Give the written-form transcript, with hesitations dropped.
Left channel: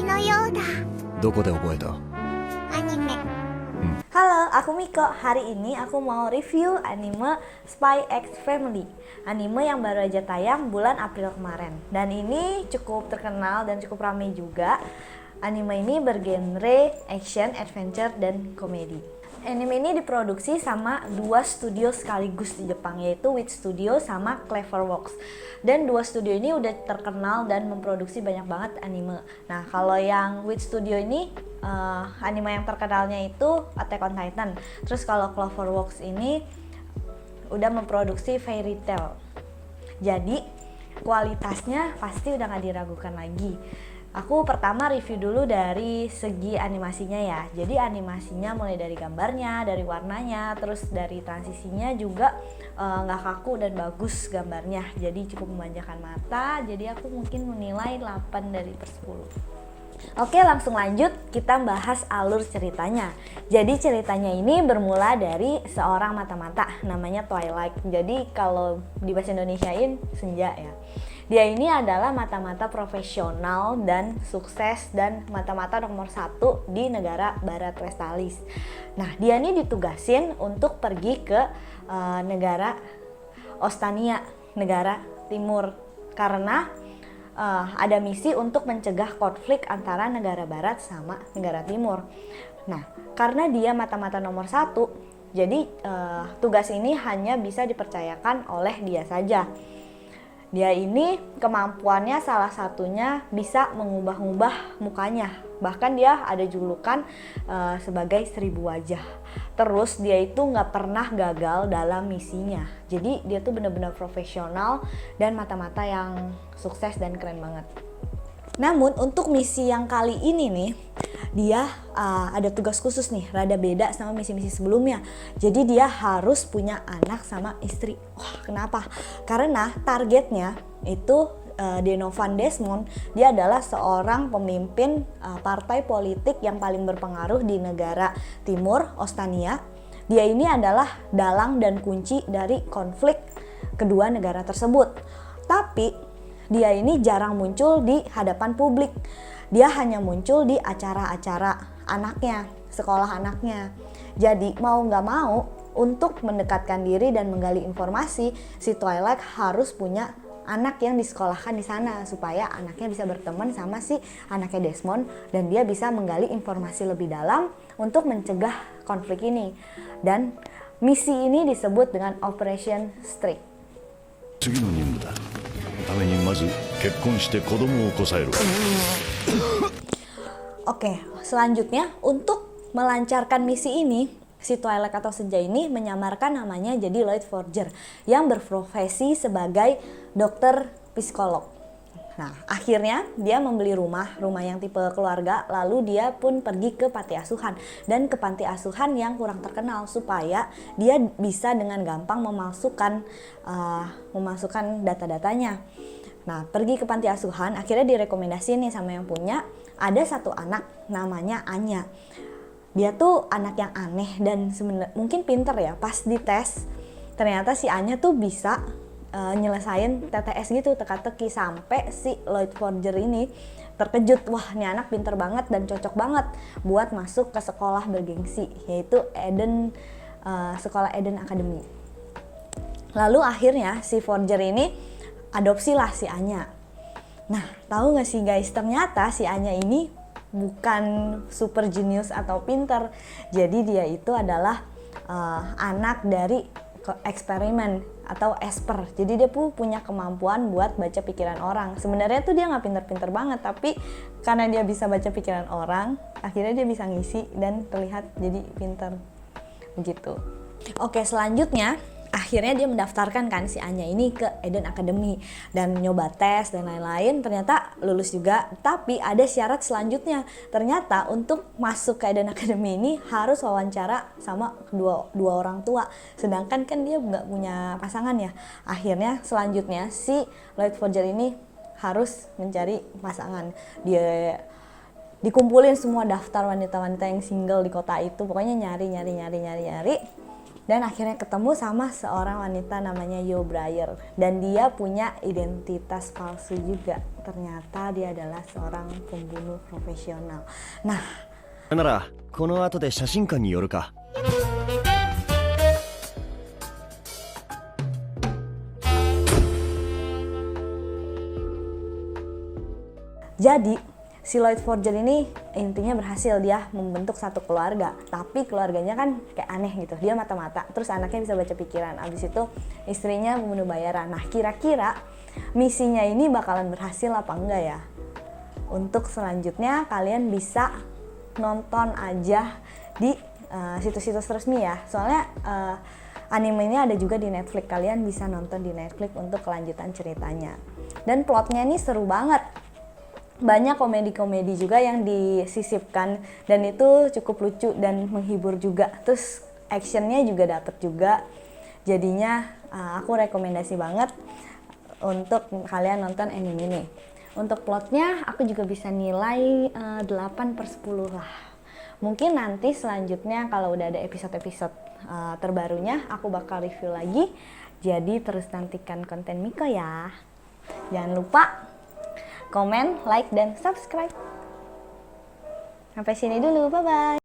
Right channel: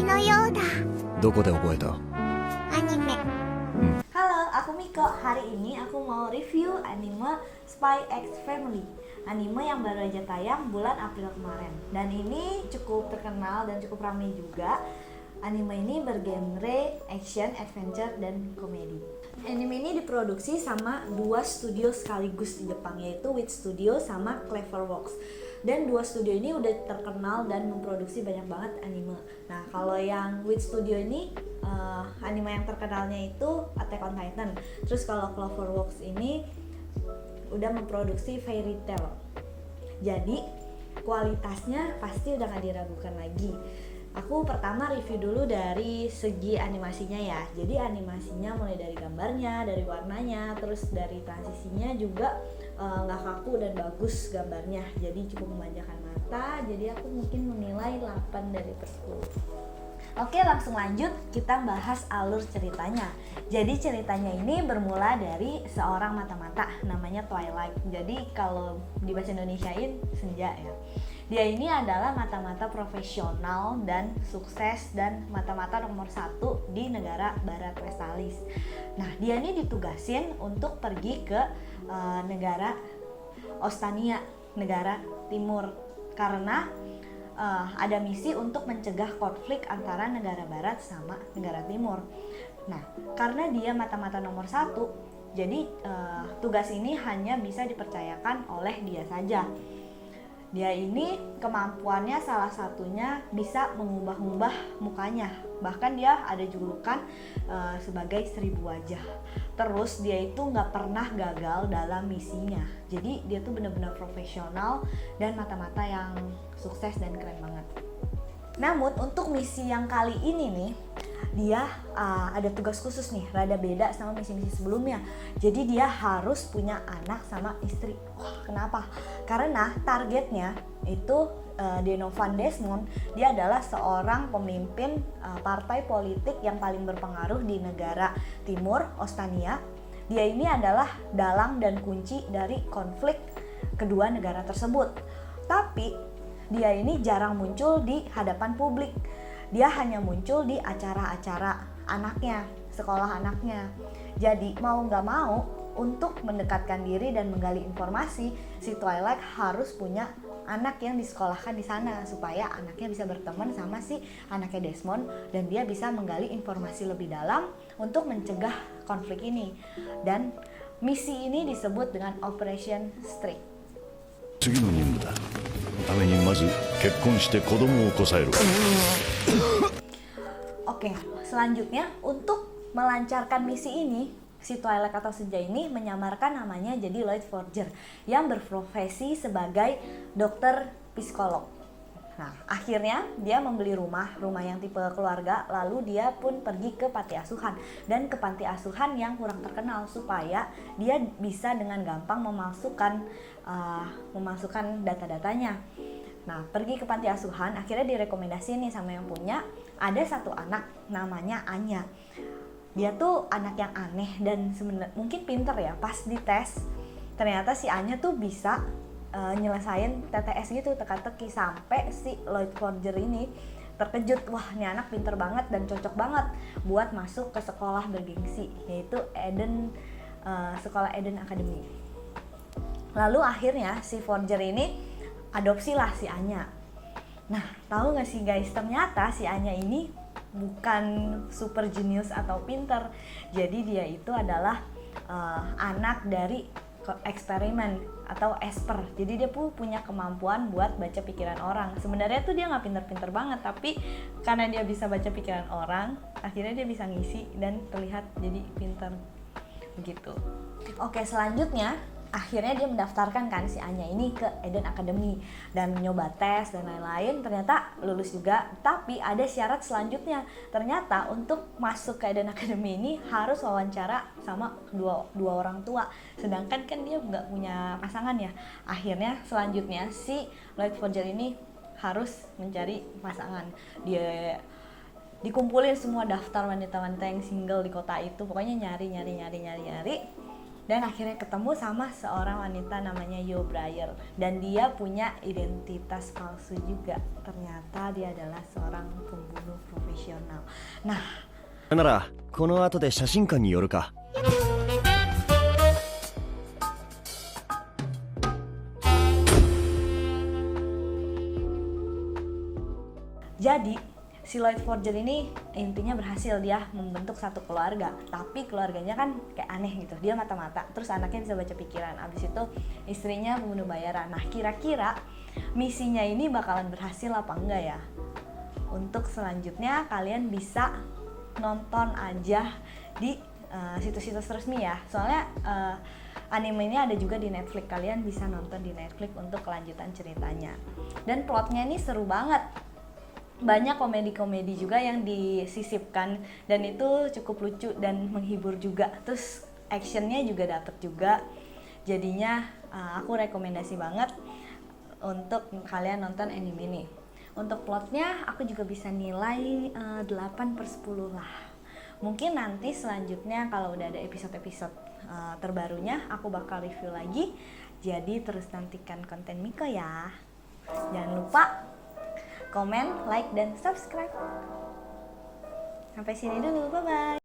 みのようだ。どこで覚えた？アニメ。Halo, aku Miko. Hari ini aku mau review anime Spy X Family. Anime yang baru aja tayang bulan April kemarin. Dan ini cukup terkenal dan cukup ramai juga. Anime ini bergenre action, adventure, dan komedi. Anime ini diproduksi sama dua studio sekaligus di Jepang, yaitu Wit Studio sama Cleverworks. Dan dua studio ini udah terkenal dan memproduksi banyak banget anime. Nah, kalau yang Wit Studio ini anime yang terkenalnya itu Attack on Titan. Terus kalau Cloverworks ini udah memproduksi Fairy Tail. Jadi kualitasnya pasti udah gak diragukan lagi. Aku pertama review dulu dari segi animasinya ya. Jadi animasinya mulai dari gambarnya, dari warnanya, terus dari transisinya juga nggak kaku dan bagus gambarnya. Jadi cukup memanjakan mata. Jadi aku mungkin menilai 8 dari per 10. Oke, langsung lanjut kita bahas alur ceritanya. Jadi ceritanya ini bermula dari seorang mata-mata namanya Twilight. Jadi kalau di bahasa Indonesiain senja ya. Dia ini adalah mata-mata profesional dan sukses dan mata-mata nomor 1 di negara Barat Westalis. Nah, dia ini ditugasin untuk pergi ke negara Ostania, negara timur, karena ada misi untuk mencegah konflik antara negara barat sama negara timur. Nah, karena dia mata-mata nomor 1, jadi tugas ini hanya bisa dipercayakan oleh dia saja. Dia ini kemampuannya salah satunya bisa mengubah-ubah mukanya. Bahkan dia ada julukan sebagai 1000 wajah. Terus dia itu gak pernah gagal dalam misinya. Jadi dia tuh benar-benar profesional dan mata-mata yang sukses dan keren banget. Namun untuk misi yang kali ini nih, dia ada tugas khusus nih, rada beda sama misi-misi sebelumnya. Jadi dia harus punya anak sama istri. Wah, kenapa? Karena targetnya itu Denovan Desmond, dia adalah seorang pemimpin partai politik yang paling berpengaruh di negara timur, Ostania. Dia ini adalah dalang dan kunci dari konflik kedua negara tersebut. Tapi dia ini jarang muncul di hadapan publik. Dia hanya muncul di acara-acara anaknya, sekolah anaknya. Jadi mau gak mau, untuk mendekatkan diri dan menggali informasi, si Twilight harus punya anak yang disekolahkan di sana supaya anaknya bisa berteman sama si anaknya Desmond dan dia bisa menggali informasi lebih dalam untuk mencegah konflik ini. Dan misi ini disebut dengan Operation Streak. 次の任務だ。ためにまず結婚して子供をこさえる。 Oke, selanjutnya untuk melancarkan misi ini, si Twilight atau Senja ini menyamarkan namanya jadi Lloyd Forger yang berprofesi sebagai dokter psikolog. Nah, akhirnya dia membeli rumah yang tipe keluarga, lalu dia pun pergi ke panti asuhan dan ke panti asuhan yang kurang terkenal supaya dia bisa dengan gampang memasukkan data-datanya. Nah, pergi ke panti asuhan, akhirnya direkomendasi nih sama yang punya, ada satu anak namanya Anya. Dia tuh anak yang aneh dan sebenarnya mungkin pinter ya. Pas dites, ternyata si Anya tuh bisa nyelesain TTS gitu, teka-teki, sampai si Lloyd Forger ini terkejut. Wah, ini anak pinter banget dan cocok banget buat masuk ke sekolah bergengsi, yaitu sekolah Eden Academy. Lalu akhirnya si Forger ini adopsilah si Anya. Nah, tahu gak sih guys, ternyata si Anya ini bukan super genius atau pinter. Jadi dia itu adalah anak dari eksperimen atau Esper. Jadi dia punya kemampuan buat baca pikiran orang. Sebenarnya tuh dia nggak pinter-pinter banget, tapi karena dia bisa baca pikiran orang, akhirnya dia bisa ngisi dan terlihat jadi pinter begitu. Oke, selanjutnya akhirnya dia mendaftarkan kan si Anya ini ke Eden Academy dan nyoba tes dan lain-lain, ternyata lulus juga. Tapi ada syarat selanjutnya, ternyata untuk masuk ke Eden Academy ini harus wawancara sama dua orang tua, sedangkan kan dia nggak punya pasangan ya. Akhirnya selanjutnya si Lloyd Forger ini harus mencari pasangan. Dia dikumpulin semua daftar wanita-wanita yang single di kota itu, pokoknya nyari. dan akhirnya ketemu sama seorang wanita namanya Yo Breyer, dan dia punya identitas palsu juga. Ternyata dia adalah seorang pembunuh profesional. Nah, ならこの後で写真館に寄るか。 jadi si Lloyd Forger ini intinya berhasil dia membentuk satu keluarga, tapi keluarganya kan kayak aneh gitu, dia mata-mata, terus anaknya bisa baca pikiran, abis itu istrinya membunuh bayaran. Nah, kira-kira misinya ini bakalan berhasil apa enggak ya? Untuk selanjutnya kalian bisa nonton aja di situs-situs resmi ya, soalnya anime ini ada juga di Netflix, kalian bisa nonton di Netflix untuk kelanjutan ceritanya. Dan plotnya ini seru banget, banyak komedi-komedi juga yang disisipkan, dan itu cukup lucu dan menghibur juga, terus actionnya juga dapet juga. Jadinya aku rekomendasi banget untuk kalian nonton anime ini. Untuk plotnya aku juga bisa nilai 8/10 lah. Mungkin nanti selanjutnya kalau udah ada episode-episode terbarunya aku bakal review lagi. Jadi terus nantikan konten Miko ya. Jangan lupa komen, like, dan subscribe. Sampai sini dulu, bye-bye.